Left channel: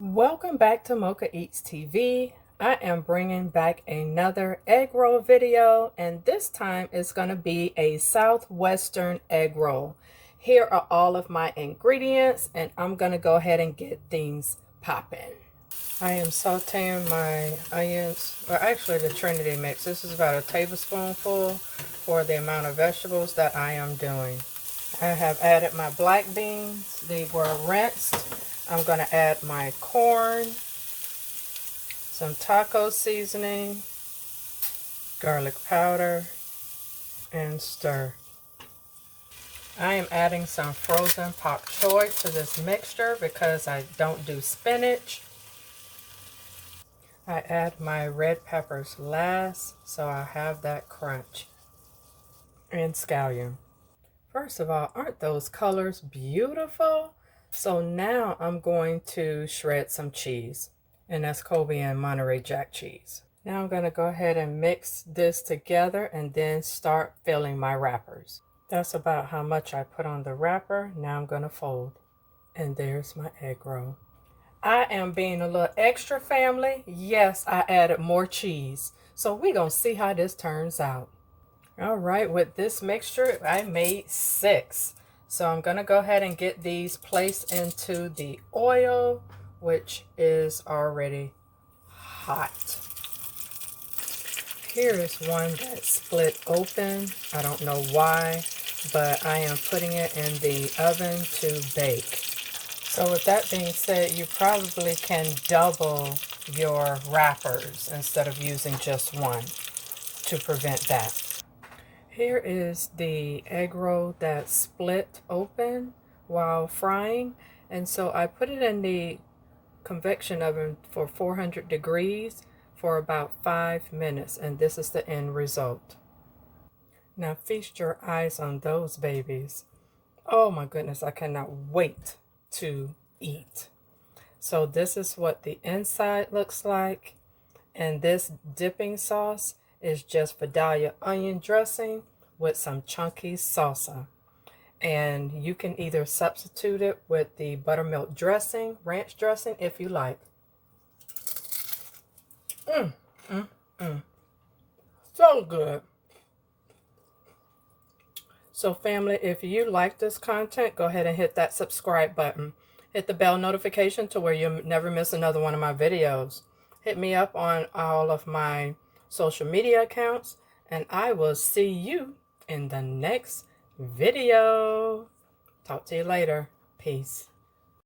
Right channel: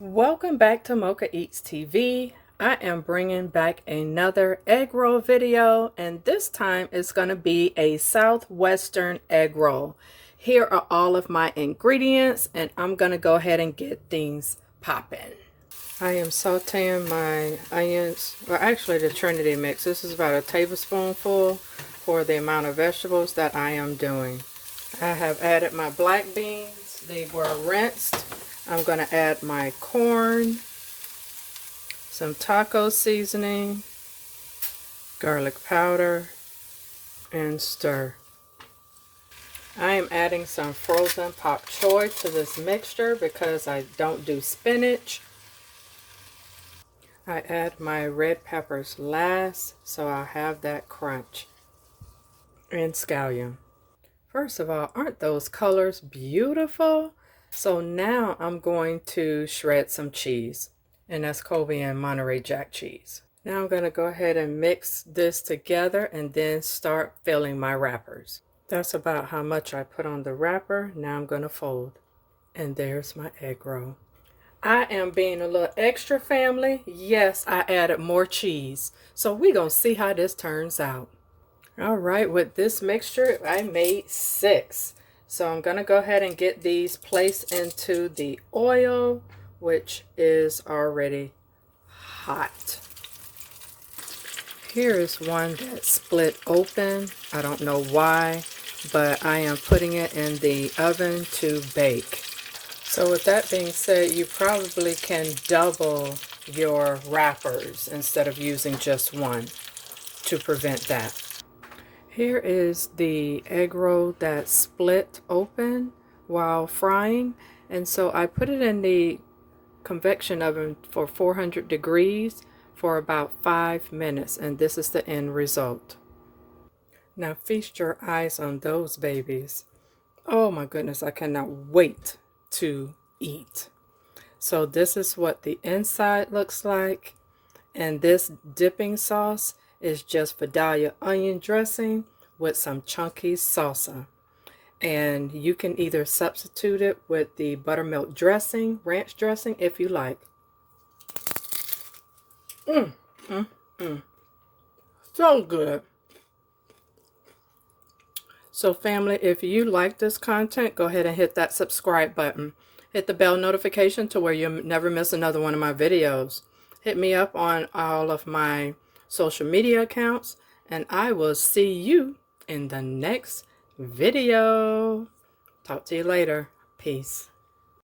Welcome back to Mochaeatstv. I am bringing back another egg roll video, and this time it's going to be a Southwestern egg roll. Here are all of my ingredients, and I'm going to go ahead and get things popping. I am sauteing my onions, well actually the Trinity mix. This is about a tablespoonful for the amount of vegetables that I am doing. I have added my black beans. They were rinsed. I'm going to add my corn, some taco seasoning, garlic powder, and stir. I am adding some frozen pak choy to this mixture because I don't do spinach. I add my red peppers last so I have that crunch. And scallion. First of all, aren't those colors beautiful? So now I'm going to shred some cheese, and that's Colby and Monterey Jack cheese. Now I'm going to go ahead and mix this together and then start filling my wrappers. That's about how much I put on the wrapper. Now I'm going to fold, and there's my egg roll. I am being a little extra, family. Yes, I added more cheese. So we're going to see how this turns out. All right, with this mixture, I made 6. So I'm going to go ahead and get these placed into the oil, which is already hot. Here is one that split open. I don't know why, but I am putting it in the oven to bake. So with that being said, you probably can double your wrappers instead of using just one to prevent that. Here is the egg roll that split open while frying, and so I put it in the convection oven for 400 degrees for about 5 minutes, and this is the end result. Now feast your eyes on those babies. Oh my goodness, I cannot wait to eat. So this is what the inside looks like, and this dipping sauce is just Vidalia onion dressing with some chunky salsa. And you can either substitute it with the buttermilk dressing, ranch dressing, if you like. So good. So family, if you like this content, go ahead and hit that subscribe button. Hit the bell notification to where you'll never miss another one of my videos. Hit me up on all of my social media accounts, and I will see you in the next video. Talk to you later. Peace.